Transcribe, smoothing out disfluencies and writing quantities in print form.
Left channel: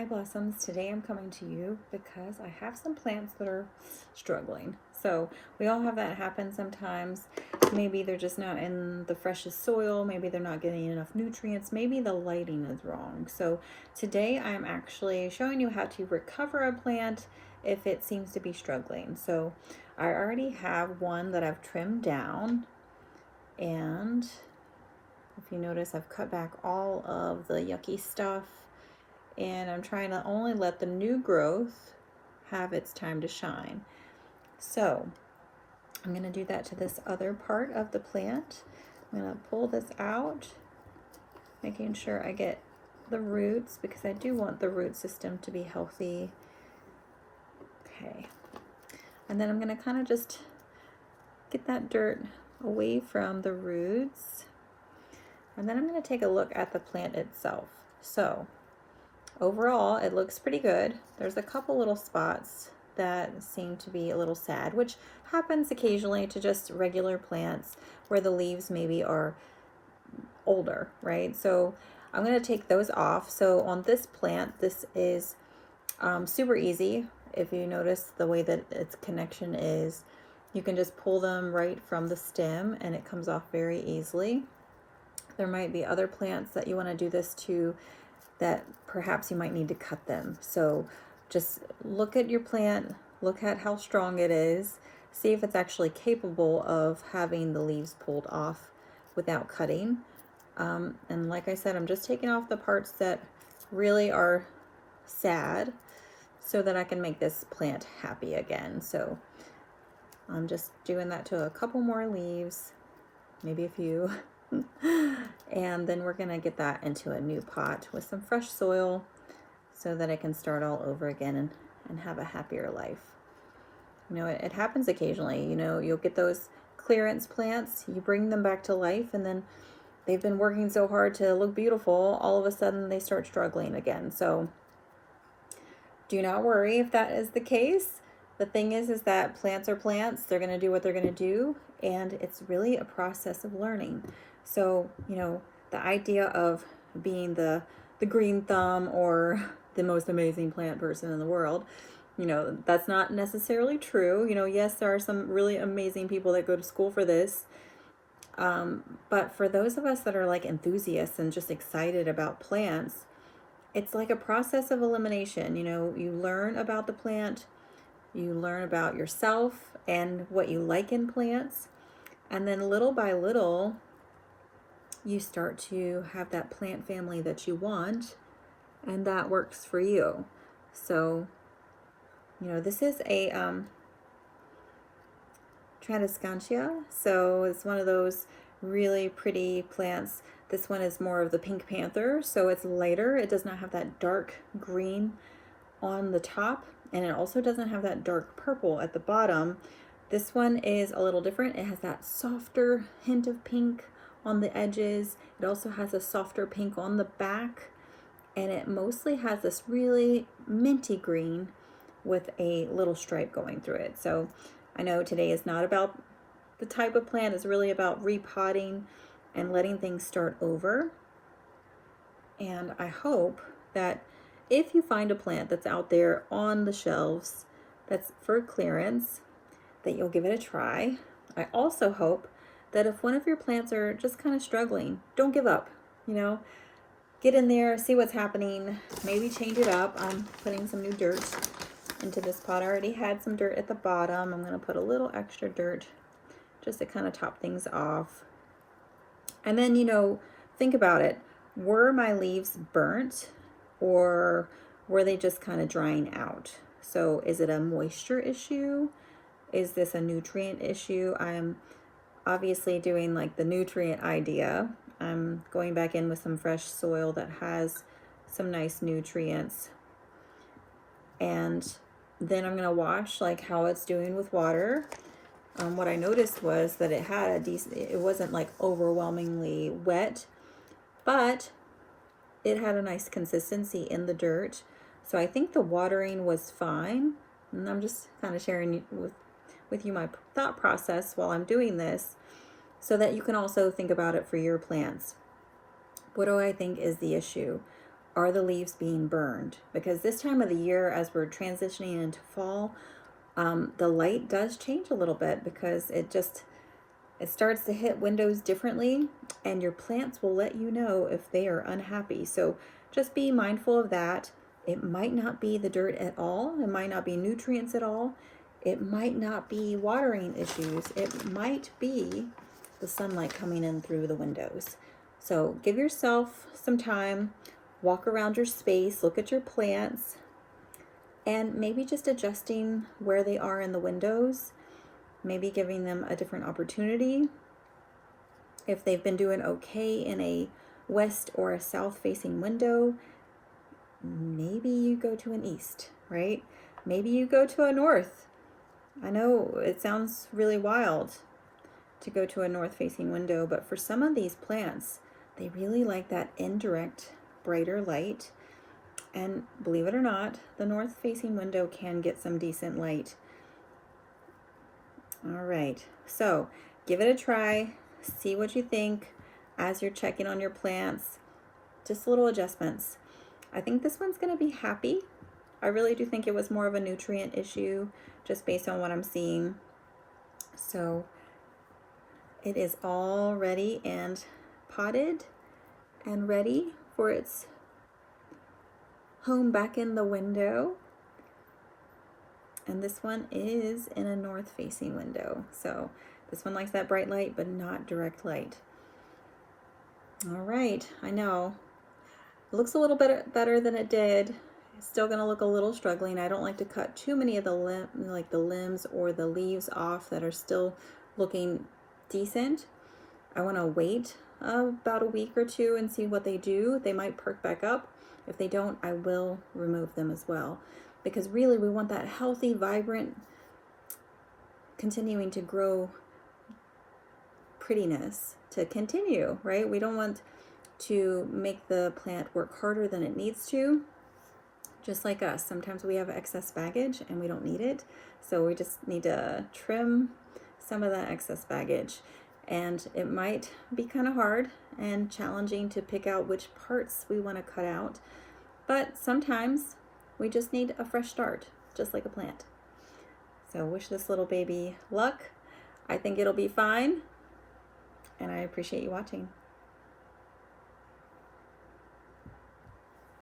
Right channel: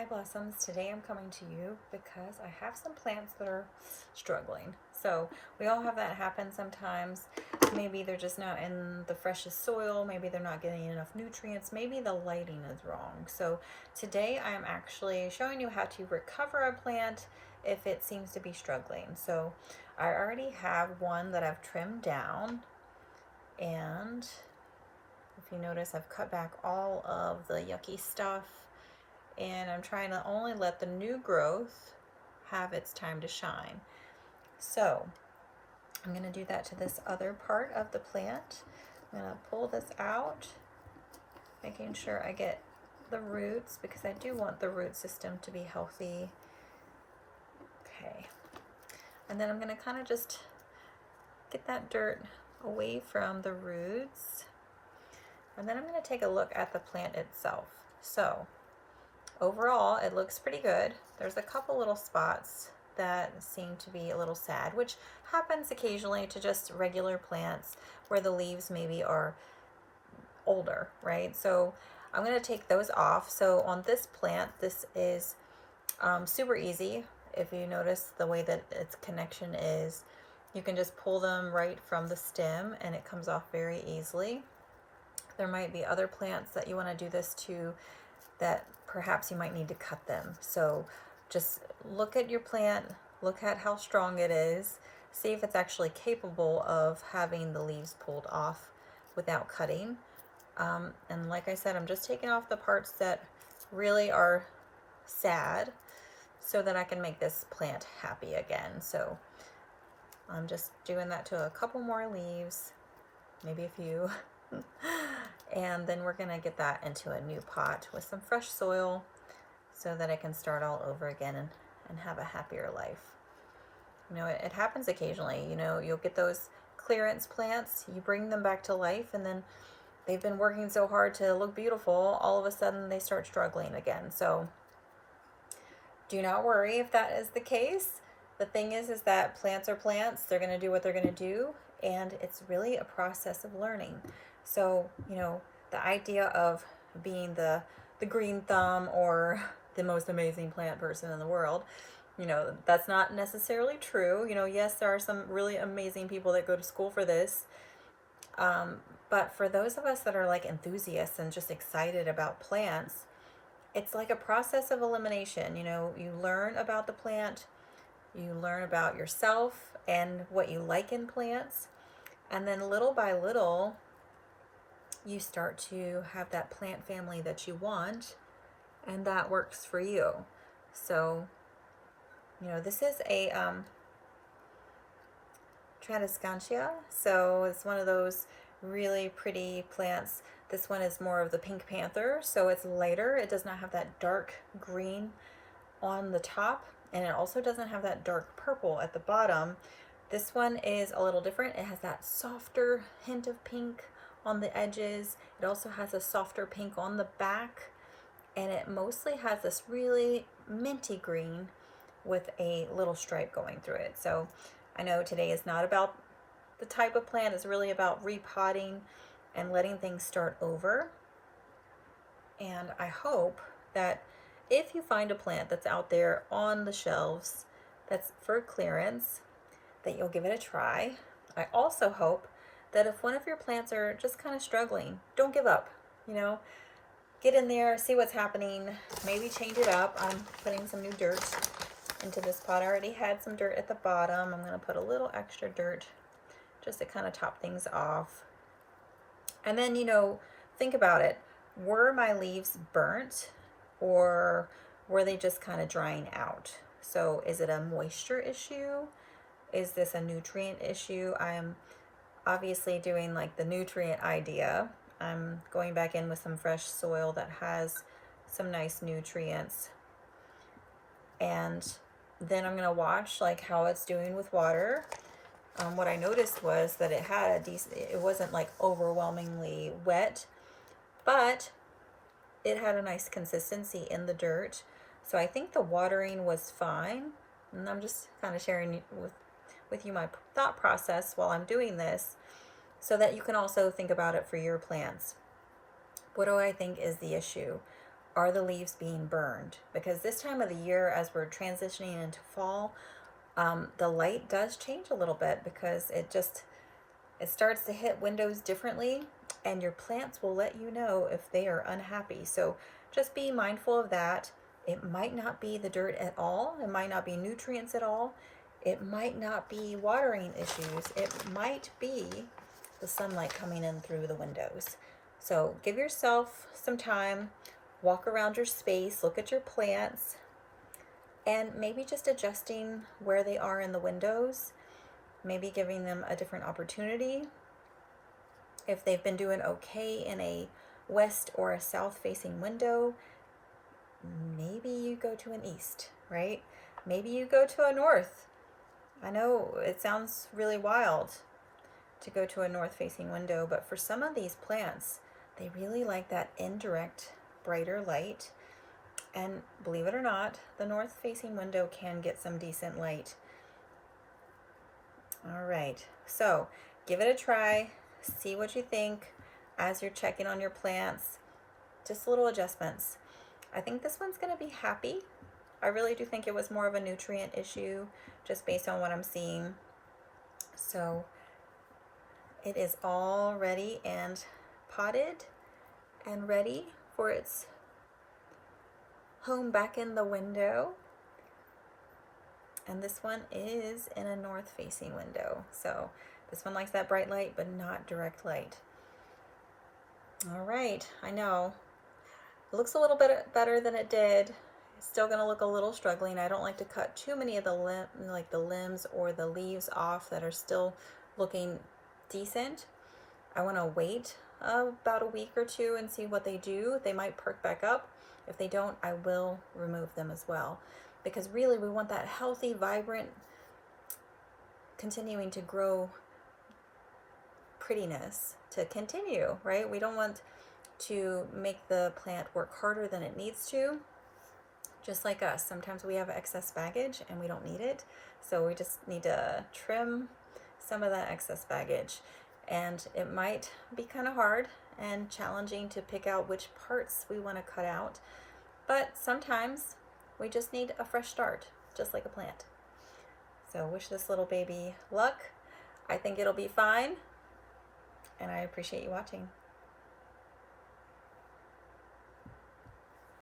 Hi Blossoms, today I'm coming to you because I have some plants that are struggling. So we all have that happen sometimes. Maybe they're just not in the freshest soil, maybe they're not getting enough nutrients, maybe the lighting is wrong. So today I'm actually showing you how to recover a plant if it seems to be struggling. So I already have one that I've trimmed down, and if you notice I've cut back all of the yucky stuff, and I'm trying to only let the new growth have its time to shine. So I'm going to do that to this other part of the plant. I'm going to pull this out, making sure I get the roots because I do want the root system to be healthy. Okay. And then I'm going to kind of just get that dirt away from the roots. And then I'm going to take a look at the plant itself. So overall, it looks pretty good. There's a couple little spots that seem to be a little sad, which happens occasionally to just regular plants where the leaves maybe are older, right? So I'm going to take those off. So on this plant, this is super easy. If you notice the way that its connection is, you can just pull them right from the stem and it comes off very easily. There might be other plants that you want to do this to that perhaps you might need to cut them. So just look at your plant, look at how strong it is, see if it's actually capable of having the leaves pulled off without cutting. And like I said, I'm just taking off the parts that really are sad so that I can make this plant happy again. So I'm just doing that to a couple more leaves, maybe a few. And then we're gonna get that into a new pot with some fresh soil so that I can start all over again and have a happier life. You know, it happens occasionally. You know, you'll get those clearance plants, you bring them back to life, and then they've been working so hard to look beautiful, all of a sudden they start struggling again. So do not worry if that is the case. The thing is that plants are plants. They're going to do what they're going to do, and it's really a process of learning. So, you know, the idea of being the green thumb or the most amazing plant person in the world, you know, that's not necessarily true. You know, yes, there are some really amazing people that go to school for this. But for those of us that are like enthusiasts and just excited about plants, it's like a process of elimination. You know, you learn about the plant, you learn about yourself and what you like in plants, and then little by little, you start to have that plant family that you want, and that works for you. So, you know, this is a Tradescantia, so it's one of those really pretty plants. This one is more of the pink panther, so it's lighter. It does not have that dark green on the top, and it also doesn't have that dark purple at the bottom. This one is a little different. It has that softer hint of pink on the edges. It also has a softer pink on the back, and it mostly has this really minty green with a little stripe going through it. So I know today is not about the type of plant, it's really about repotting and letting things start over. And I hope that if you find a plant that's out there on the shelves that's for clearance, that you'll give it a try. I also hope that if one of your plants are just kind of struggling, don't give up. You know, get in there, see what's happening, maybe change it up. I'm putting some new dirt into this pot. I already had some dirt at the bottom. I'm going to put a little extra dirt just to kind of top things off. And then, you know, think about it. Were my leaves burnt, or were they just kind of drying out? So is it a moisture issue? Is this a nutrient issue? I'm obviously doing like the nutrient idea. I'm going back in with some fresh soil that has some nice nutrients. And then I'm gonna watch like how it's doing with water. What I noticed was that it had a decent, it wasn't like overwhelmingly wet, but it had a nice consistency in the dirt. So I think the watering was fine. And I'm just kind of sharing with you my thought process while I'm doing this so that you can also think about it for your plants. What do I think is the issue? are the leaves being burned? Because this time of the year, as we're transitioning into fall, the light does change a little bit because it starts to hit windows differently, and your plants will let you know if they are unhappy. So just be mindful of that. It might not be the dirt at all. It might not be nutrients at all. It might not be watering issues. It might be the sunlight coming in through the windows. So give yourself some time, walk around your space, look at your plants, and maybe just adjusting where they are in the windows, maybe giving them a different opportunity. If they've been doing okay in a west or a south facing window, maybe you go to an east, right? Maybe you go to a north. I know it sounds really wild to go to a north facing window, but for some of these plants, they really like that indirect, brighter light. And believe it or not, the north facing window can get some decent light. All right, so give it a try, see what you think as you're checking on your plants. Just little adjustments. I think this one's going to be happy. I really do think it was more of a nutrient issue just based on what I'm seeing. So it is all ready and potted and ready for its home back in the window. And this one is in a north facing window. So this one likes that bright light, but not direct light. All right, I know. It looks a little bit better than it did. It's still gonna look a little struggling. I don't like to cut too many of the limbs or the leaves off that are still looking decent. I wanna wait about a week or two and see what they do. They might perk back up. If they don't, I will remove them as well. Because really we want that healthy, vibrant, continuing to grow prettiness to continue, right? We don't want to make the plant work harder than it needs to. Just like us, sometimes we have excess baggage and we don't need it. So we just need to trim some of that excess baggage. And it might be kind of hard and challenging to pick out which parts we want to cut out. But sometimes we just need a fresh start, just like a plant. So wish this little baby luck. I think it'll be fine. And I appreciate you watching.